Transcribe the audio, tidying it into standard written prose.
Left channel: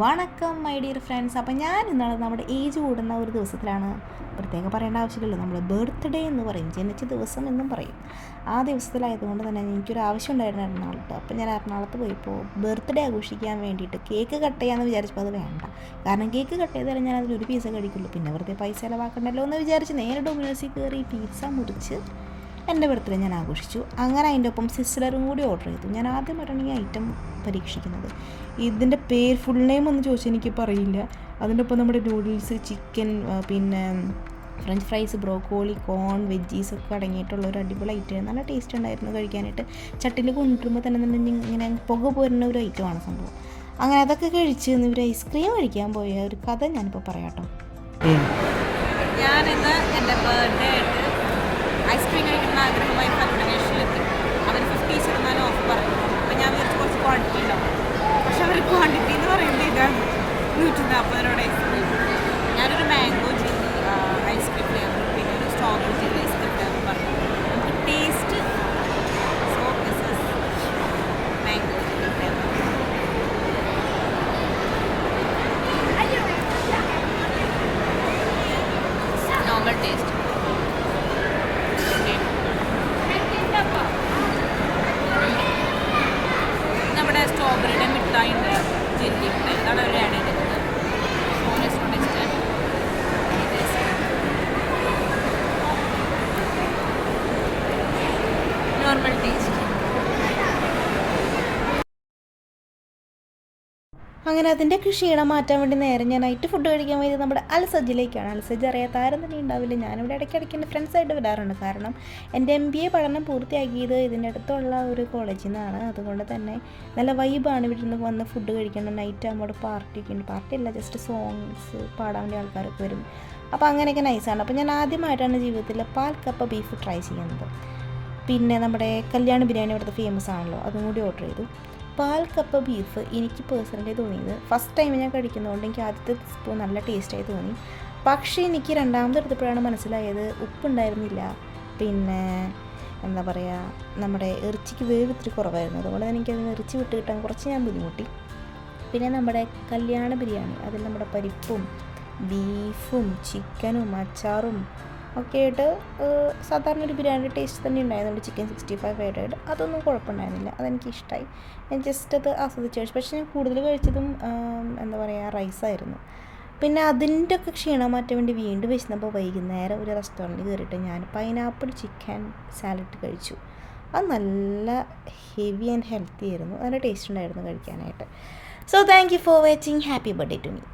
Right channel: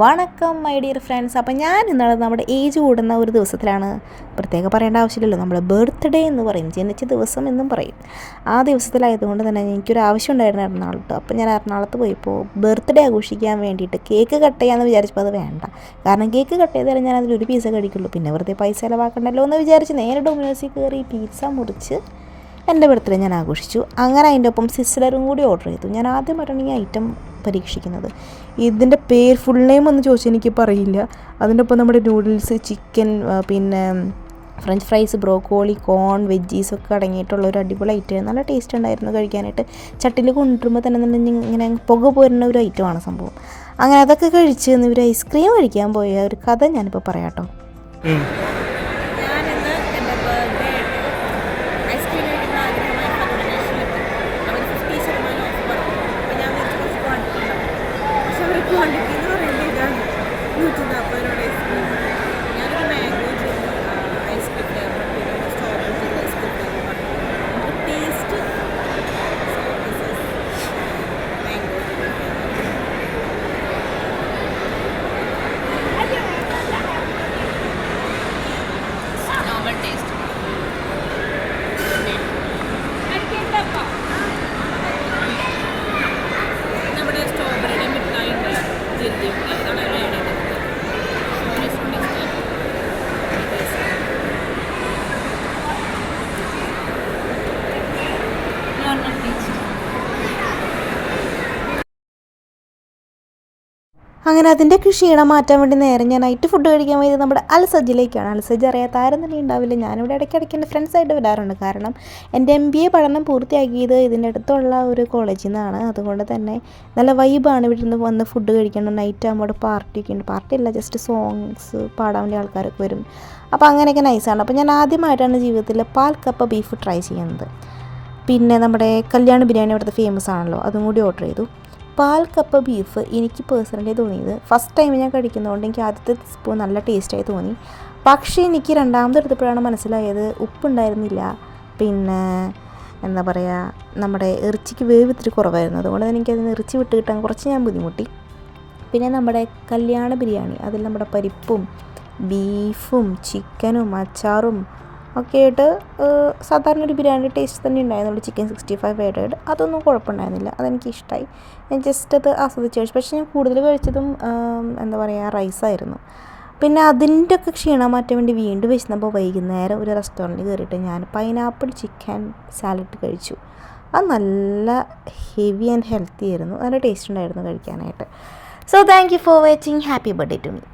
വണക്കം my dear friends. അപ്പോൾ ഞാൻ ഇന്നാളെ നമ്മുടെ ഏജ് കൂടുന്ന ഒരു ദിവസത്തിലാണ്. പ്രത്യേകം പറയേണ്ട ആവശ്യമില്ലല്ലോ, നമ്മൾ ബർത്ത്ഡേ എന്ന് പറയും, ജനിച്ച ദിവസം എന്നും പറയും. ആ ദിവസത്തിലായതുകൊണ്ട് തന്നെ എനിക്കൊരു ആവശ്യം ഉണ്ടായിരുന്നു എറണാകുളത്ത്. അപ്പോൾ ഞാൻ എറണാകുളത്ത് പോയപ്പോൾ ബർത്ത്ഡേ ആഘോഷിക്കാൻ വേണ്ടിയിട്ട് കേക്ക് കട്ട് ചെയ്യാമെന്ന് വിചാരിച്ചപ്പോൾ അത് വേണ്ട. കാരണം കേക്ക് കട്ട് ചെയ്താലും ഞാൻ അതിലൊരു പീസ കഴിക്കുള്ളൂ, പിന്നെ വെറുതെ പൈസ ചിലവാക്കണ്ടല്ലോ എന്ന് വിചാരിച്ച് നേരെ ഡൊമിനോസിൽ കയറി പിസ്സ മുറിച്ച് എൻ്റെ ബർത്ത്ഡേ ഞാൻ ആഘോഷിച്ചു. അങ്ങനെ അതിൻ്റെ ഒപ്പം സിസ്ലറും കൂടി ഓർഡർ ചെയ്തു. ഞാൻ ആദ്യമായിട്ടാണ് ഈ ഐറ്റം പരീക്ഷിക്കുന്നത്. ഇതിൻ്റെ പേര് ഫുൾ നെയിം ഒന്ന് ചോദിച്ചാൽ എനിക്ക് പറയില്ല. അതിൻ്റെ ഒപ്പം നമ്മുടെ നൂഡിൽസ്, ചിക്കൻ, പിന്നെ ഫ്രഞ്ച് ഫ്രൈസ്, ബ്രോക്കോളി, കോൺ, വെജീസൊക്കെ അടങ്ങിയിട്ടുള്ള ഒരു അടിപൊളി ഐറ്റം. നല്ല ടേസ്റ്റ് ഉണ്ടായിരുന്നു കഴിക്കാനായിട്ട്. ചട്ടിയിൽ കൊണ്ടുവരുമ്പോൾ തന്നെ ഇങ്ങനെ പുക പോരുന്ന ഒരു ഐറ്റമാണ് സംഭവം. അങ്ങനെ അതൊക്കെ കഴിച്ച് ഇവർ ഐസ്ക്രീം കഴിക്കാൻ പോയ ഒരു കഥ ഞാനിപ്പോൾ പറയാം കേട്ടോ. അങ്ങനെ അതിൻ്റെ ക്ഷീണം മാറ്റാൻ വേണ്ടി നേരെ ഞാൻ നൈറ്റ് ഫുഡ് കഴിക്കാൻ പോയത് നമ്മുടെ അൽസജിലേക്കാണ്. അൽസജ് അറിയാത്ത ആരും തന്നെ ഉണ്ടാവില്ല. ഞാനിവിടെ ഇടയ്ക്കിടയ്ക്ക് എൻ്റെ ഫ്രണ്ട്സായിട്ട് വരാറുണ്ട്. കാരണം എൻ്റെ MBA പഠനം പൂർത്തിയാക്കിയത് ഇതിൻ്റെ അടുത്തുള്ള ഒരു കോളേജിൽ നിന്നാണ്. അതുകൊണ്ട് തന്നെ നല്ല വൈബാണ് ഇവിടെ നിന്ന് വന്ന് ഫുഡ് കഴിക്കണം. നൈറ്റ് ആകുമ്പോൾ പാർട്ടിയൊക്കെ ഉണ്ട്. പാർട്ടിയല്ല, ജസ്റ്റ് സോങ്സ് പാടാൻ വേണ്ടി ആൾക്കാരൊക്കെ വരും. അപ്പോൾ അങ്ങനെയൊക്കെ നൈസാണ്. അപ്പോൾ ഞാൻ ആദ്യമായിട്ടാണ് ജീവിതത്തിൽ പാൽ കപ്പ ബീഫ് ട്രൈ ചെയ്യുന്നത്. പിന്നെ നമ്മുടെ കല്യാണ ബിരിയാണി അവിടുത്തെ ഫേമസ് ആണല്ലോ, അതും കൂടി ഓർഡർ ചെയ്തു. പാൽ കപ്പ ബീഫ് എനിക്ക് പേഴ്സണലി തോന്നിയത്, ഫസ്റ്റ് ടൈം ഞാൻ കഴിക്കുന്നതുകൊണ്ട് എനിക്ക് ആദ്യത്തെ സ്പൂൺ നല്ല ടേസ്റ്റായി തോന്നി. പക്ഷേ എനിക്ക് രണ്ടാമത് എടുത്തപ്പോഴാണ് മനസ്സിലായത് ഉപ്പുണ്ടായിരുന്നില്ല. പിന്നെ എന്താ പറയുക, നമ്മുടെ ഇറച്ചിക്ക് വേവ് ഇത്തിരി കുറവായിരുന്നു. അതുകൊണ്ട് തന്നെ എനിക്കതിന് ഇറച്ചി വിട്ട് കിട്ടാൻ കുറച്ച് ഞാൻ ബുദ്ധിമുട്ടി. പിന്നെ നമ്മുടെ കല്യാണ ബിരിയാണി, അതിൽ നമ്മുടെ പരിപ്പും ബീഫും ചിക്കനും അച്ചാറും ഒക്കെ ആയിട്ട് സാധാരണ ഒരു ബിരിയാണി ടേസ്റ്റ് തന്നെ ഉണ്ടായിരുന്നു. ചിക്കൻ 65 ആഡ് അതൊന്നും കുഴപ്പമുണ്ടായിരുന്നില്ല, അതെനിക്കിഷ്ടമായി. ഞാൻ ജസ്റ്റ് അത് ആസ്വദിച്ച് കഴിച്ചു. പക്ഷേ ഞാൻ കൂടുതൽ കഴിച്ചതും എന്താ പറയുക, റൈസായിരുന്നു. പിന്നെ അതിൻ്റെ ഒക്കെ ക്ഷീണം മാറ്റാൻ വേണ്ടി വീണ്ടും വെച്ചപ്പോൾ വൈകുന്നേരം ഒരു റെസ്റ്റോറൻറ്റിൽ കയറിയിട്ട് ഞാൻ പൈനാപ്പിൾ ചിക്കൻ സാലഡ് കഴിച്ചു. അത് നല്ല ഹെവി ആൻഡ് ഹെൽത്തി ആയിരുന്നു, നല്ല ടേസ്റ്റ് ഉണ്ടായിരുന്നു കഴിക്കാനായിട്ട്. So thank you for watching. Happy birthday to me.